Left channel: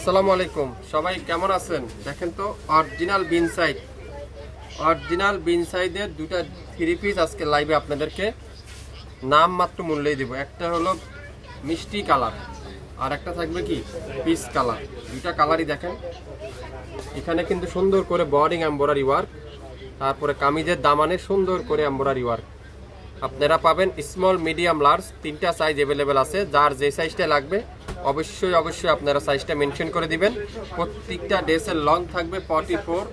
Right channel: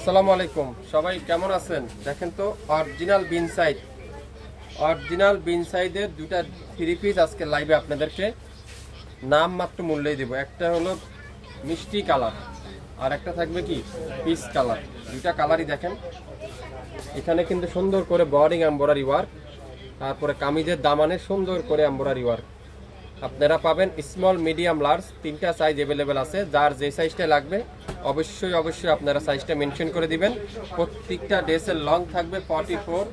আসসালামু আলাইকুম, সবাই কেমন আছেন? দেখেন তো অরিজিনাল বিন সাইজের দুটা থ্রি পিস আজকে লাইভে আপনাদেরকে নাম মাত্র মূল্যই দেব। একটা হলো মিষ্টি কালার আর একটা থাকবে কি পিস কালার। দুইটা কালারই দেখেন, এখানে কিন্তু সুন্দর করে বর্ডিং এমব্রয়ডারি ওয়ার্ক, তারপরে কামিজের দামানে সুন্দর করে এমব্রয়ডারি ওয়ার্ক। আপনারা পাবেন স্মল, মিডিয়াম, লার্জ, তিনটা সাইজ অ্যাভেলেবেল আছে। যার যে সাইজটা লাগবে অবশ্যই আপনারা সাইজটা মেনশন করে দিবেন। প্রত্যেকটা ড্রেসের লং থাকবে 44,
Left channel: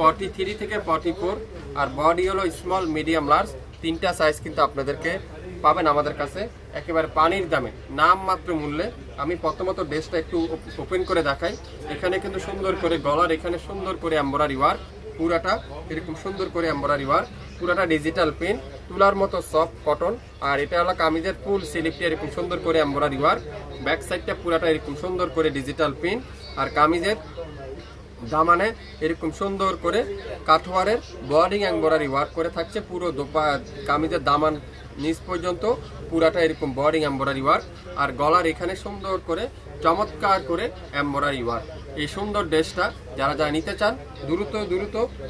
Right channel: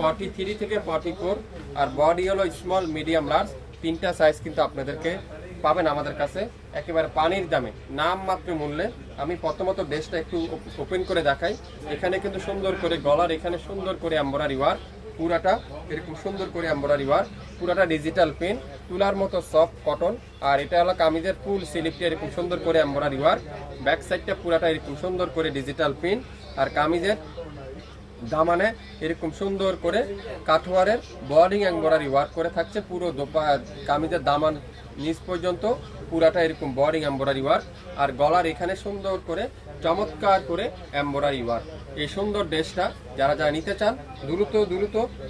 43 থেকে 44, আর বডি হলো স্মল, মিডিয়াম, লার্জ। তিনটা সাইজ কিন্তু আপনাদেরকে পাবেন আমাদের কাছে একেবারে পানির দামে, নাম মাত্র মূল্যে। আমি প্রথমত ড্রেসটা একটু ওপেন করে দেখাই। এখানে কিন্তু সুন্দর করে গলার এখানে সুন্দর করে এমব্রয়ডারি ওয়ার্ক, পুরাটা এরকম সুন্দর করে এমব্রয়ডারি ওয়ার্ক, পুরাটা ডিজিটাল পেন, তুলার মতো সফট কটন। আর এটা হলো কামিজের ফুল স্লিভটা এরকম সুন্দর করে এমব্রয়ডারি ওয়ার্ক, ব্যাক সাইডটা পুরাটা এরকম সুন্দর করে ডিজিটাল পেন, আর কামিজের দামানে এরকম সুন্দর করে কাঠওয়ারের বর্ডিং এমব্রয়ডারি ওয়ার্ক করে থাকছে। পুরো কামিজের দামান নিচ পর্যন্ত পুরাটা এরকম বর্ডিং এমব্রয়ডারি ওয়ার্ক, আর গলার এখানে সুন্দর করে চমৎকার করে এমব্রয়ডারি ওয়ার্ক। এই সুন্দর ড্রেসটা যারা নিতে চান দ্রুত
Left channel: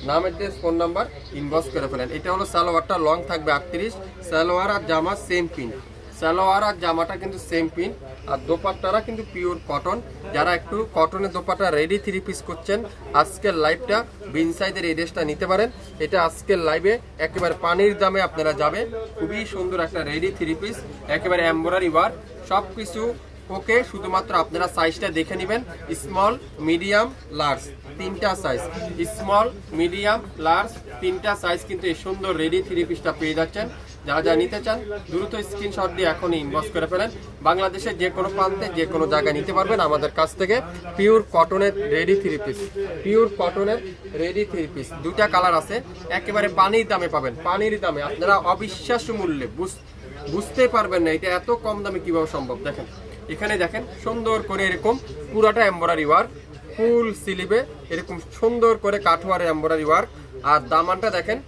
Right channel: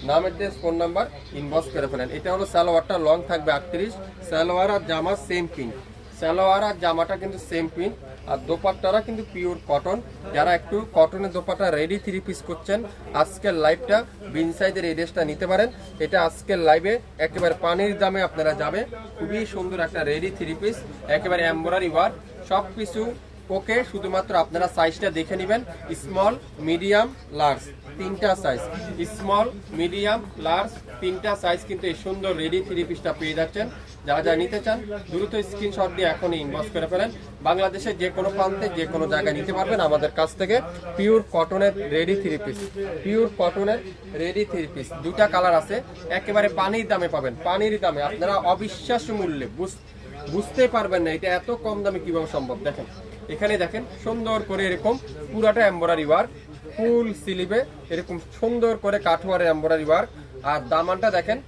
নামের ড্রেস, ফোন নাম্বার ইনবক্স করে ফেলেন। এটা হলো সালোয়ারটা, লং থাকবে 38, সালোয়ার আর জামা সেম প্রিন্ট, সালোয়ার আর জামাটা কিন্তু সেম প্রিন্ট, আর দোপাট্টারা কিন্তু পিওর কটন। যারা একটু কটনের দোপাট্টা রেডি থ্রি পিস করছেন, আজকের লাইভটা বিন সাইজের এই ড্রেসটা নিতে পারেন। এটা আজকের লাইভে একেবারে পানির দামে আপনারা যাবে। খুবই সুন্দর একটা রেডি থ্রি পিস, একেবারে এমব্রয়ডারি ওয়ার্ক, সব কিছু ওকে। শুধুমাত্র আপনারা সাইজটা দেখে নেবেন, স্মল, মিডিয়াম, লার্জ, তিনটা সাইজ, স্মল, মিডিয়াম, লার্জ, তিনটা সাইজ কিন্তু এই সুন্দর রেডি থ্রি পিসটা পেয়ে যাচ্ছেন। যারা নিতে চান দ্রুত স্ক্রিনশট দিয়ে এখনই ইনবক্স করে ফেলেন। বাংলাদেশের যে কোনো প্রান্তে যে কোনো জায়গায় নিতে পারবেন আমাদের কাছ থেকে। পিওর কটনের রেডি থ্রি পিস, পিওর কটনের রেডি থ্রি পিস, দুটা কালার আছে, একেবারে পানির দামে পাবেন। পানির দামে আপনারা অবিশ্বাস্য মূল্যে বুঝতে পারবেন না এটা এত কম দামে কিভাবে সম্ভব। দেখেন এখানে দেখেন সুন্দর করে এরকম পুরাটা এমব্রয়ডারি ওয়ার্ক, ফুল স্লিভে এরকম সুন্দর করে কাঠওয়ারের এমব্রয়ডারি ওয়ার্ক, আর দামানটা দেখেন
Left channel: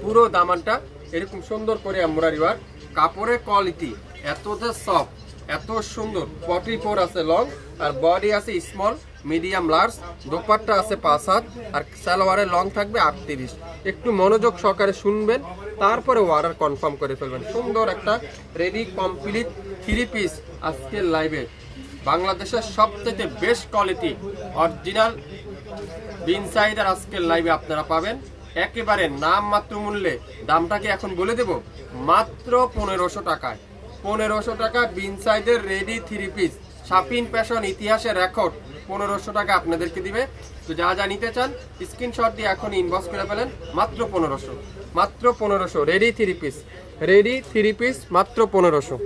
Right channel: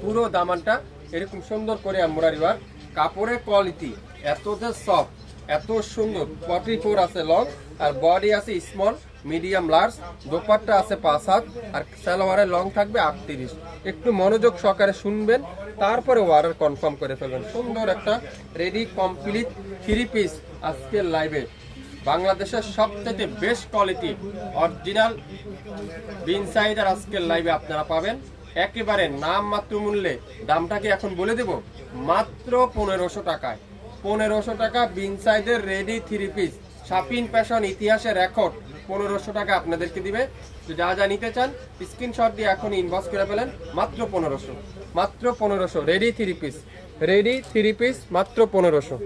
পুরো দামানটা এরকম সুন্দর করে এমব্রয়ডারি ওয়ার্ক। কাপড়ের কোয়ালিটি এতটা সফট, এত সুন্দর। 44 আছে লং, আর বডি আছে স্মল, মিডিয়াম, লার্জ, দোপাট্টা আছে 5 হাত, আর সালোয়ারের লং থাকবে 38। একটু মনোযোগ সহকারে শুনবেন, তারপরে অর্ডার কনফার্ম করে ফেলবেন। সুন্দর একটা রেডি কমপ্লিট থ্রি পিস আজকের লাইভে বাংলাদেশের সবথেকে বেস্ট কোয়ালিটি অরিজিনাল বিন সাইজের আজকের লাইভে আপনারা পাবেন একেবারে নাম মাত্র মূল্যে। দামটাকে এখন বলে দেব, মাত্র 1500 টাকায়। 1500 টাকা বিন সাইজের রেডি থ্রি পিস, শাপিন ফ্যাশন ইতিহাসের রেকর্ড 1500 টাকা আপনাদেরকে দিবে। তো যা নিতে চান স্ক্রিনশট দিয়ে এখন ইনবক্স করে ফেলেন। মাত্র 1500, মাত্র 1500 ready three piece, ready three piece মাত্র 1500।